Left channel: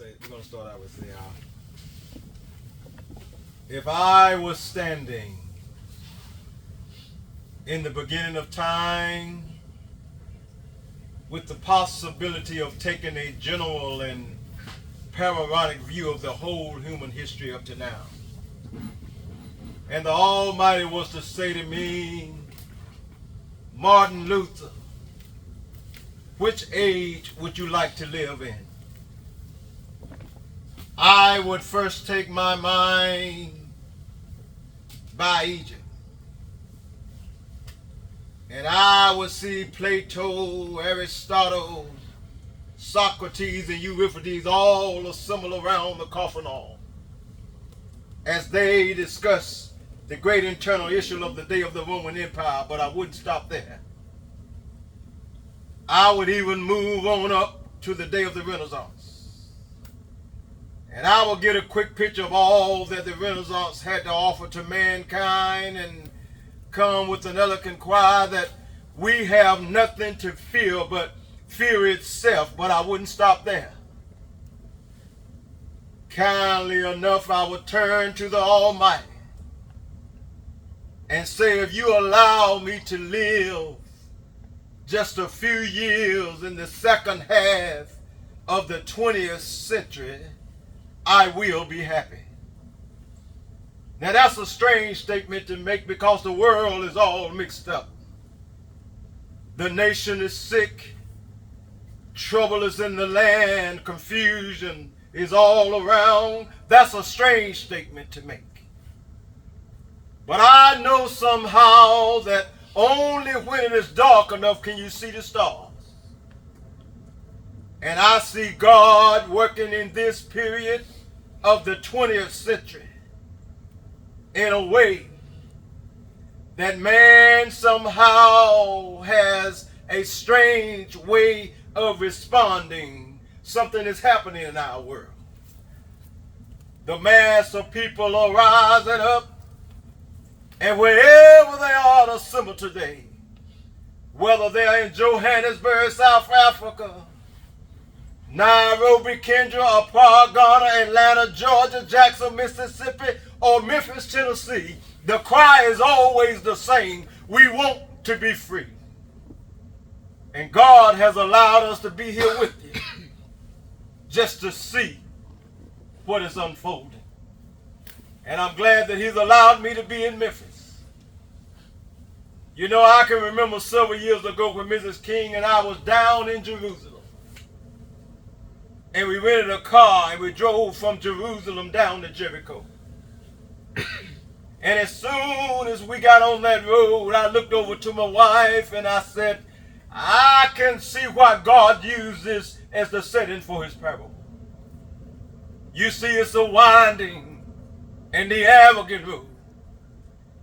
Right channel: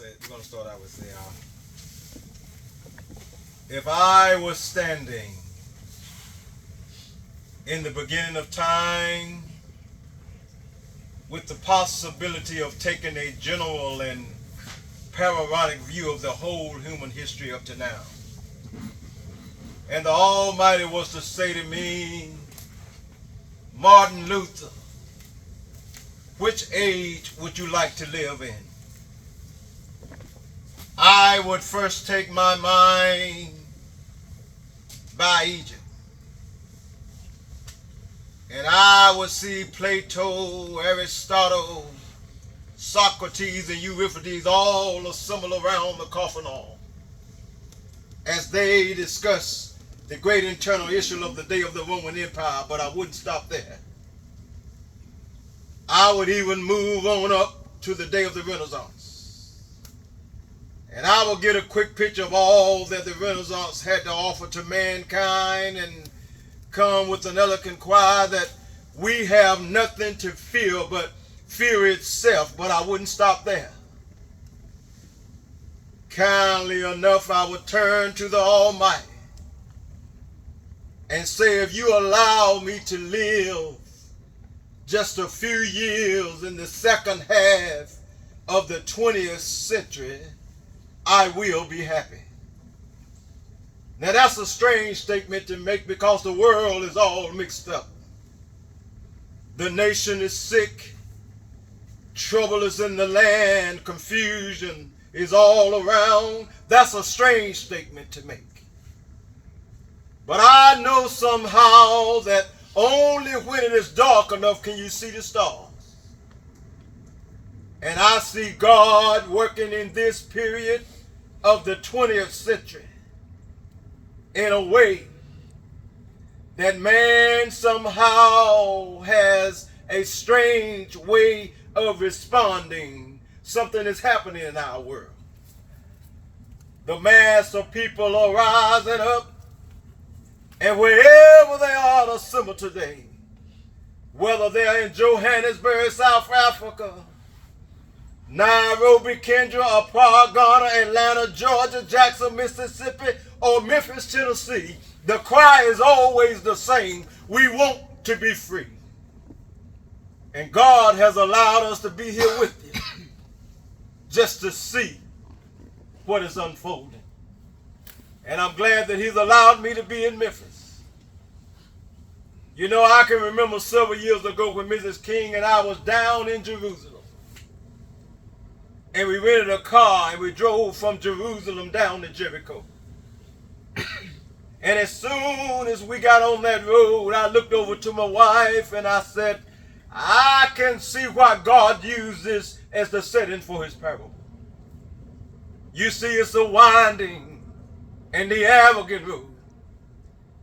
we're gonna start out with saying, if I was standing in the beginning of time with the possibility of taking a general and panoramic view of the whole human history up to now, and the Almighty was to say to me, Martin Luther, which age would you like to live in? I would first take my mind by Egypt, and I would see Plato, Aristotle, Socrates, and Euripides all assembled around the coffin hall as they discuss the great internal issue of the day of the Roman Empire. But I wouldn't stop there. I would even move on up to the day of the Renaissance, and I will get a quick picture of all that the Renaissance had to offer to mankind and come with an eloquent cry that we have nothing to fear but fear itself. But I wouldn't stop there. Kindly enough, I would turn to the Almighty and say, if you allow me to live just a few years in the second half of the 20th century, I will be happy. Now that's a strange statement to make, because the world is all mixed up. The nation is sick. Trouble is in the land. Confusion is all around. That's a strange statement to make. But I know somehow that only when it is dark enough can you see the stars. And I see God working in this period of the 20th century in a way that man somehow has a strange way of responding. Something is happening in our world. The mass of people are rising up, and wherever they are assembled today, whether they're in Johannesburg, South Africa, Nairobi, Kenya, Accra, Ghana, Atlanta, Georgia, Jackson, Mississippi, or Memphis, Tennessee, the cry is always the same: we want to be free. And God has allowed us to be here with you just to see what is unfolding. And I'm glad that He's allowed me to be in Memphis. You know, I can remember several years ago when Mrs. King and I was down in Jerusalem. And we rented a car and we drove from Jerusalem down to Jericho. And as soon as we got on that road, I looked over to my wife and I said, I can see why God used this as the setting for His parable. You see, it's a winding and the arrogant road.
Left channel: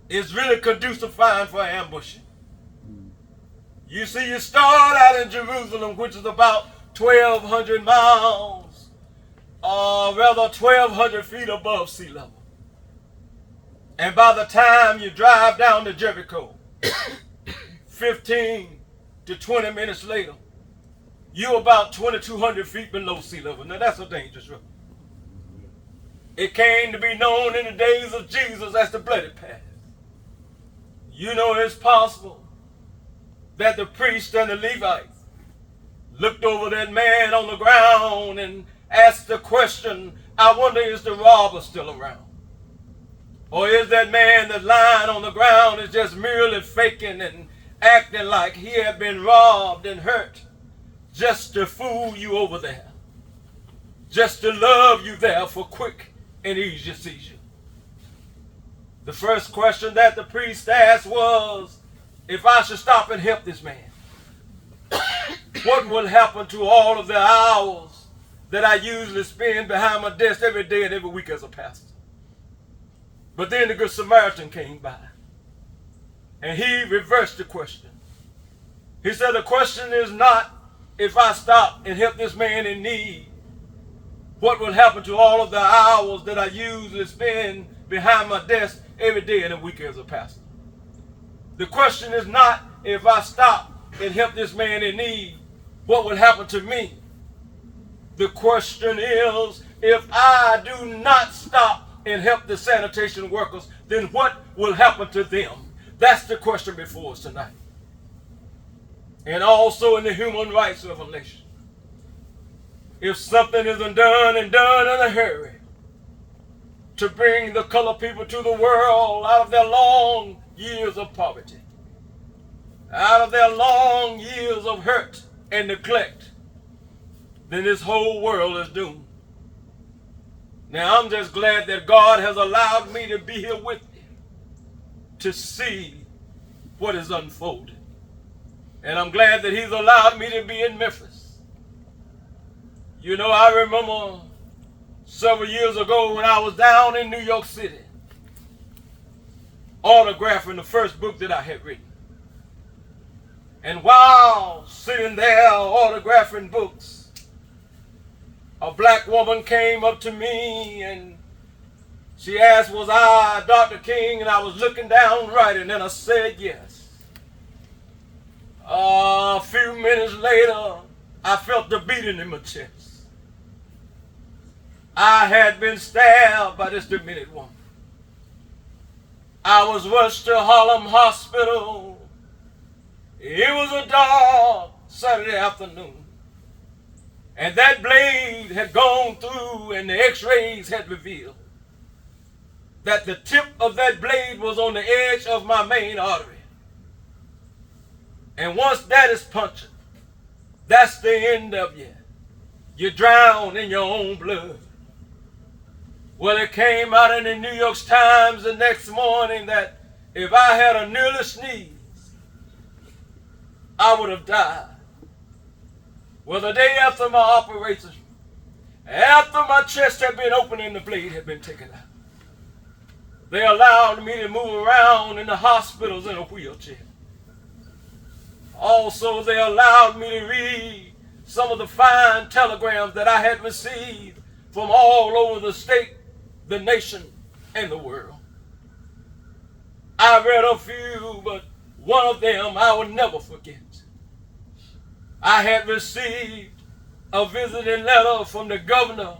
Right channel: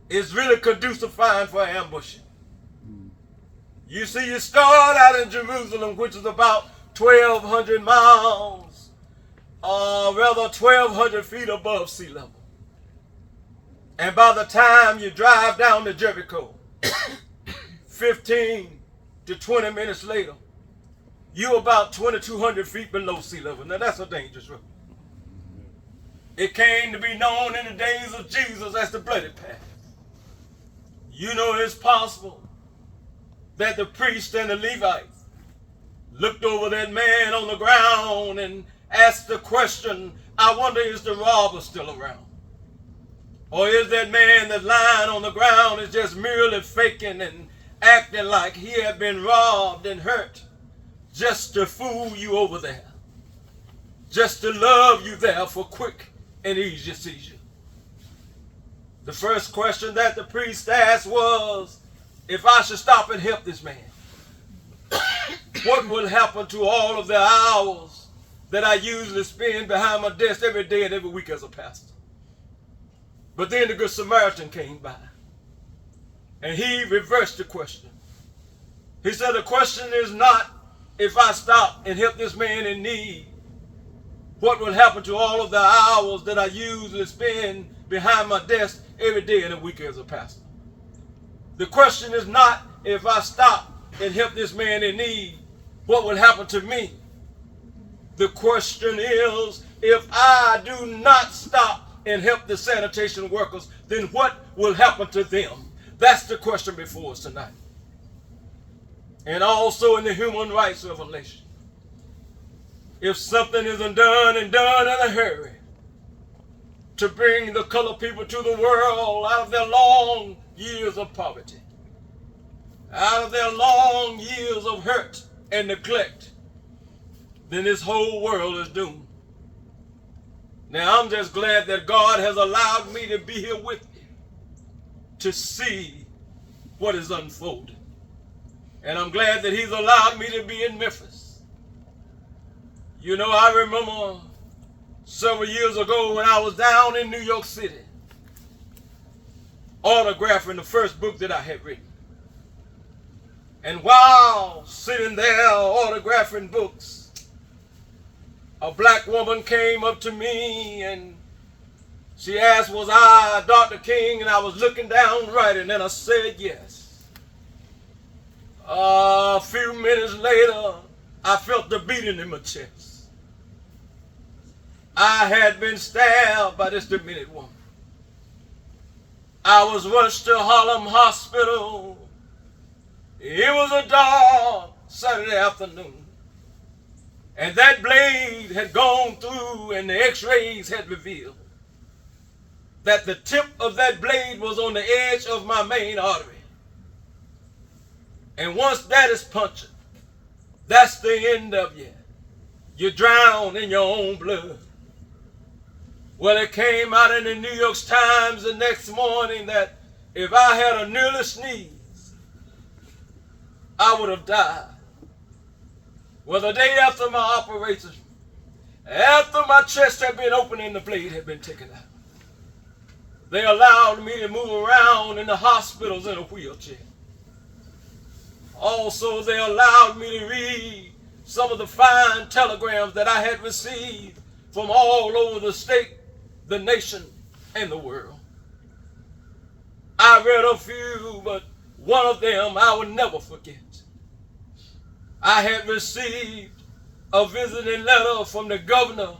It's really conducive for ambushing. You see, you start out in Jerusalem, which is about 1,200 miles, or rather 1,200 feet above sea level. And by the time you drive down to Jericho, 15 to 20 minutes later, you're about 2,200 feet below sea level. Now that's a dangerous road. It came to be known in the days of Jesus as the bloody path. You know, it's possible that the priest and the Levites looked over that man on the ground and asked the question, I wonder, is the robber still around? Or is that man that's lying on the ground is just merely faking and acting like he had been robbed and hurt just to fool you over there, just to love you there for quick and easy seizure? The first question that the priest asked was, if I should stop and help this man, what will happen to all of the hours that I usually spend behind my desk every day and every week as a pastor? But then the Good Samaritan came by and he reversed the question. He said, the question is not if I stop and help this man in need, what will happen to all of the hours that I usually spend behind my desk every day and every week as a pastor? The question is not if I stop and help this man in need, what will happen to me? The question is, if I do not stop and help the sanitation workers, then what will happen to them? That's the question before us tonight. And also in the human rights revelation. If something isn't done and done in a hurry to bring the colored people to the world out of their long years of poverty, out of their long years of hurt and neglect, then this whole world is doomed. Now, I'm just glad that God has allowed me to be here with you to see what is unfolding. And I'm glad that he's allowed me to be in Memphis. You know, I remember several years ago when I was down in New York City, autographing the first book that I had written. And while sitting there autographing books, a black woman came up to me and she asked, was I Dr. King? And I was looking down writing, and I said yes. A few minutes later, I felt the beating in my chest. I had been stabbed by this demented woman. I was rushed to Harlem Hospital. It was a dark Saturday afternoon. And that blade had gone through, and the x-rays had revealed that the tip of that blade was on the edge of my main artery. And once that is punctured, that's the end of you. You drown in your own blood. Well, it came out in the New York Times the next morning that if I had a nearly sneeze, I would have died. Well, the day after my operation, after my chest had been opened and the blade had been taken out, they allowed me to move around in the hospitals in a wheelchair. Also, they allowed me to read some of the fine telegrams that I had received from all over the state, the nation, and the world. I read a few, but one of them I will never forget. I had received a visiting letter from the governor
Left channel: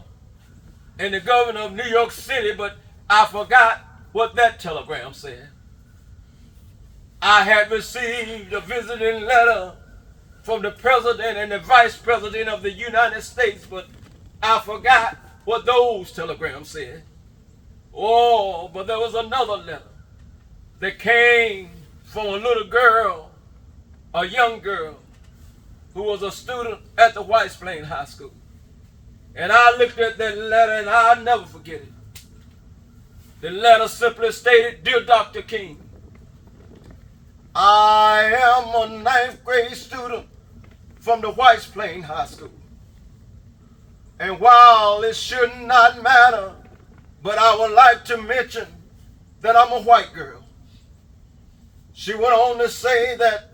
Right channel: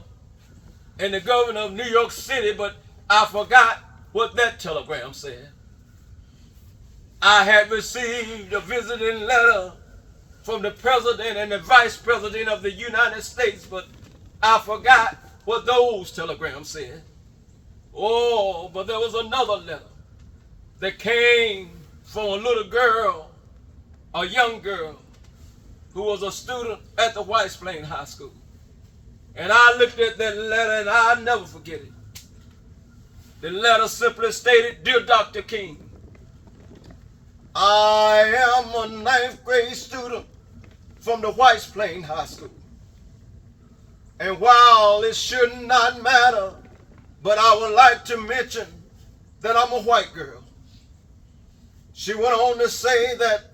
and the governor of New York City, but I forgot what that telegram said. I had received a visiting letter from the president and the vice president of the United States, but I forgot what those telegrams said. Oh, but there was another letter that came from a little girl, a young girl, who was a student at the White Plains High School. And I looked at that letter and I'll never forget it. The letter simply stated, Dear Dr. King, I am a 9th grade student from the White Plains High School. And while it should not matter, but I would like to mention that I'm a white girl. She went on to say that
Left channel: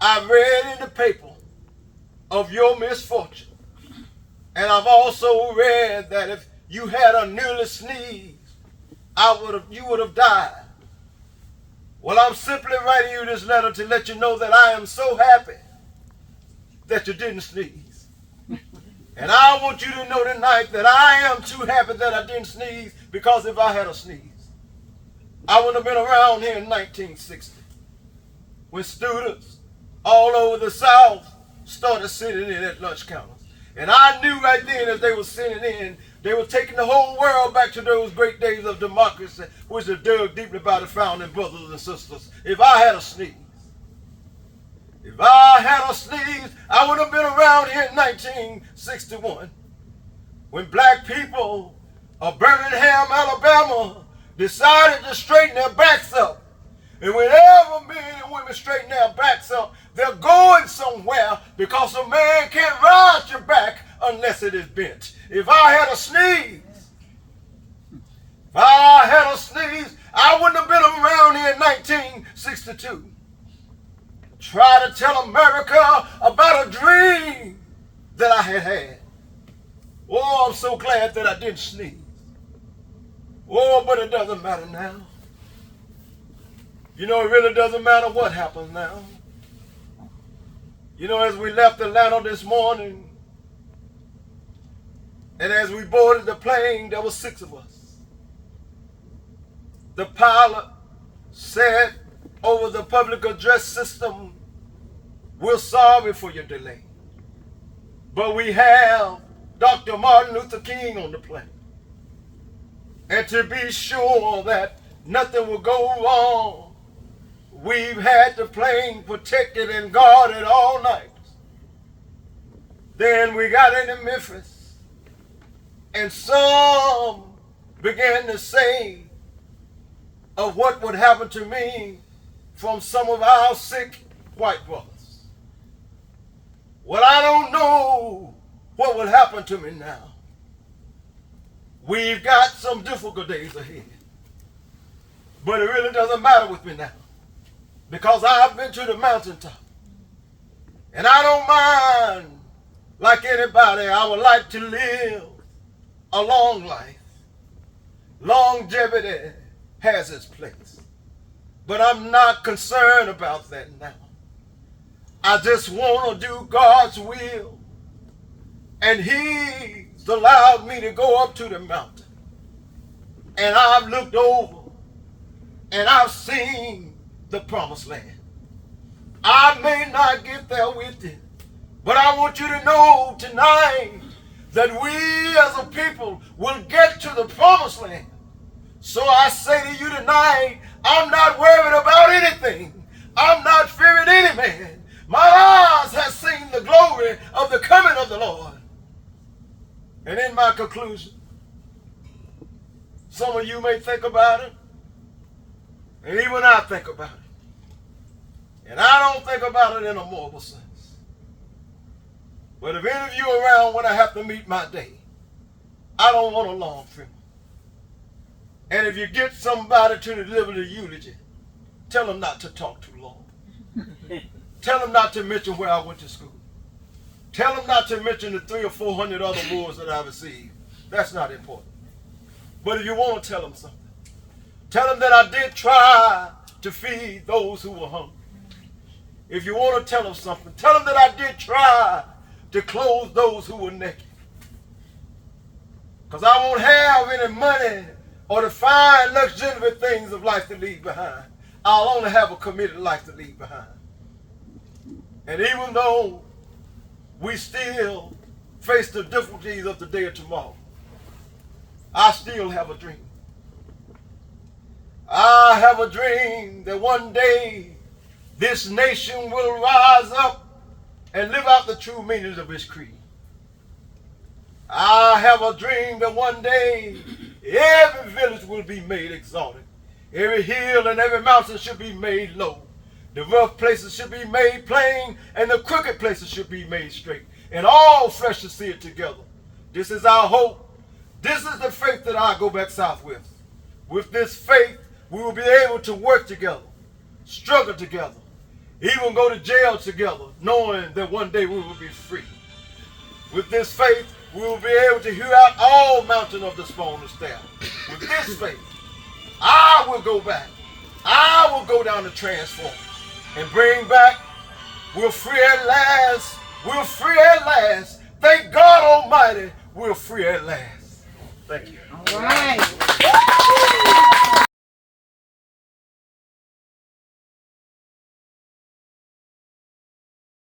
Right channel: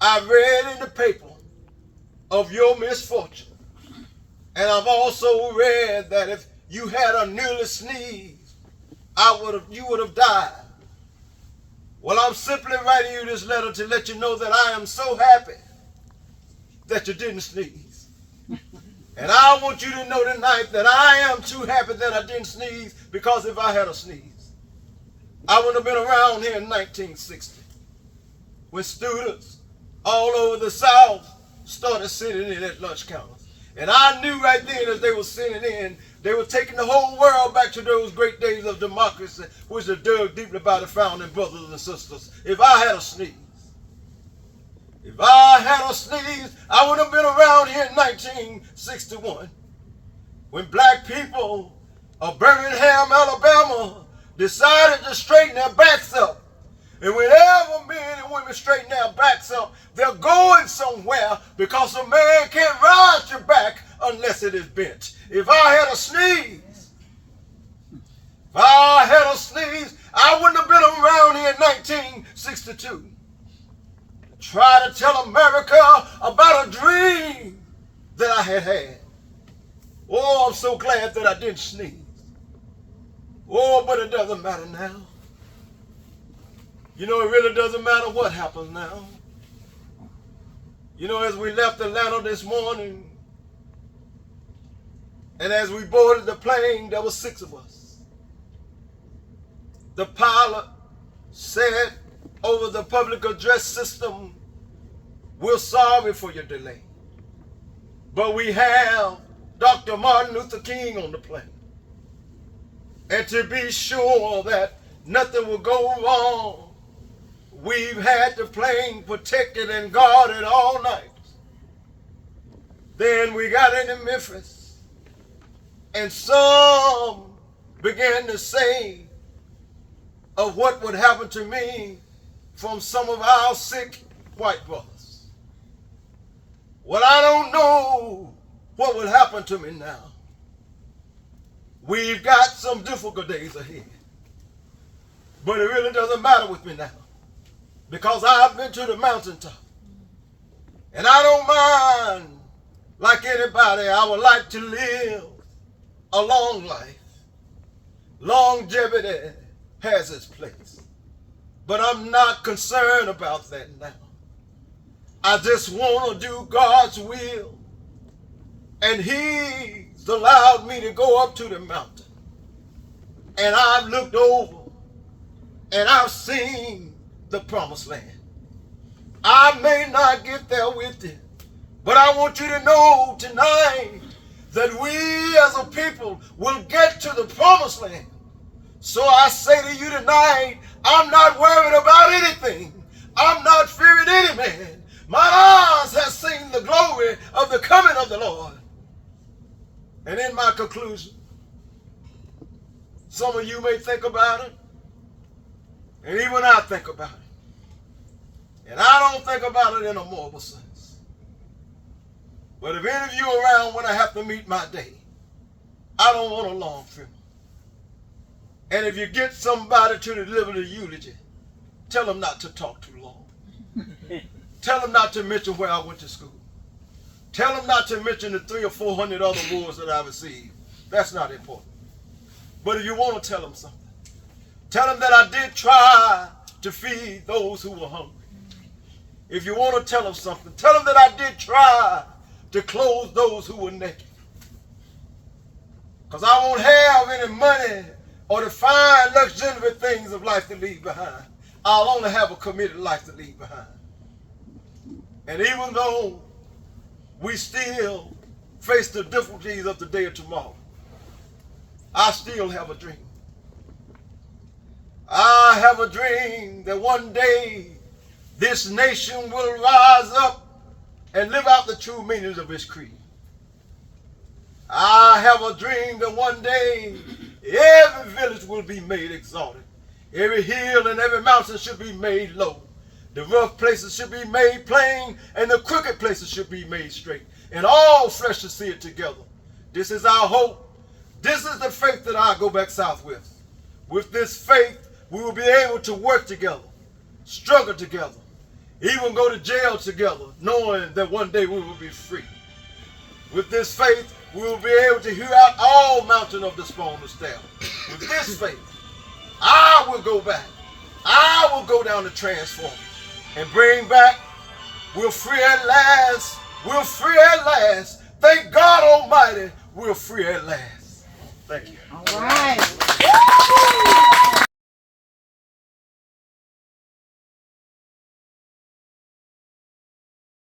I read in the paper of your misfortune. And I've also read that if you had a nearly sneeze, you would have died. Well, I'm simply writing you this letter to let you know that I am so happy that you didn't sneeze. And I want you to know tonight that I am too happy that I didn't sneeze, because if I had a sneeze, I wouldn't have been around here in 1960 when students all over the South started sitting in at lunch counters. And I knew right then as they were sitting in, they were taking the whole world back to those great days of democracy, which are dug deeply by the founding brothers and sisters. If I had a sneeze, I would have been around here in 1961 when black people of Birmingham, Alabama decided to straighten their backs up. And whenever men and women straighten their backs up, they're going somewhere, because a man can't rise your back unless it is bent. If I had a sneeze, I wouldn't have been around here in 1962. Try to tell America about a dream that I had had. Oh, I'm so glad that I didn't sneeze. Oh, but it doesn't matter now. You know, it really doesn't matter what happens now. You know, as we left Atlanta this morning, And as we boarded the plane, there were 6 of us. The pilot said over the public address system, "We're sorry for your delay, but we have Dr. Martin Luther King on the plane. And to be sure that nothing will go wrong, we've had the plane protected and guarded all night." Then we got into Memphis, and some began to say of what would happen to me from some of our sick white brothers. Well, I don't know what will happen to me now. We've got some difficult days ahead. But it really doesn't matter with me now, because I've been to the mountaintop. And I don't mind, like anybody, I would like to live a long life. Longevity has its place. But I'm not concerned about that now. I just want to do God's will. And He's allowed me to go up to the mountain. And I've looked over and I've seen the promised land. I may not get there with you, but I want you to know tonight that we as a people will get to the promised land. So I say to you tonight, I'm not worried about anything. I'm not fearing any man. My eyes have seen the glory of the coming of the Lord. And in my conclusion, some of you may think about it, and even I think about it. And I don't think about it in a moral sense. But if any of you are around when I have to meet my day, I don't want a long funeral. And if you get somebody to deliver the eulogy, tell them not to talk too long. Tell them not to mention where I went to school. Tell them not to mention the 300 or 400 other awards that I received. That's not important. But if you want to tell them something, tell them that I did try to feed those who were hungry. If you want to tell them something, tell them that I did try to clothe those who were naked. Because I won't have any money or the fine luxury things of life to leave behind. I'll only have a committed life to leave behind. And even though we still face the difficulties of the day of tomorrow, I still have a dream. I have a dream that one day this nation will rise up and live out the true meanings of its creed. I have a dream that one day every village will be made exalted. Every hill and every mountain should be made low. The rough places should be made plain, and the crooked places should be made straight. And all flesh should see it together. This is our hope. This is the faith that I go back south with. With this faith, we will be able to work together, struggle together, even go to jail together, knowing that one day we will be free. With this faith, we will be able to hew out all mountain of the spawn and staff. With this faith, I will go back. I will go down to transform and bring back. We're free at last. We're free at last. Thank God Almighty, we're free at last. Thank you. All right.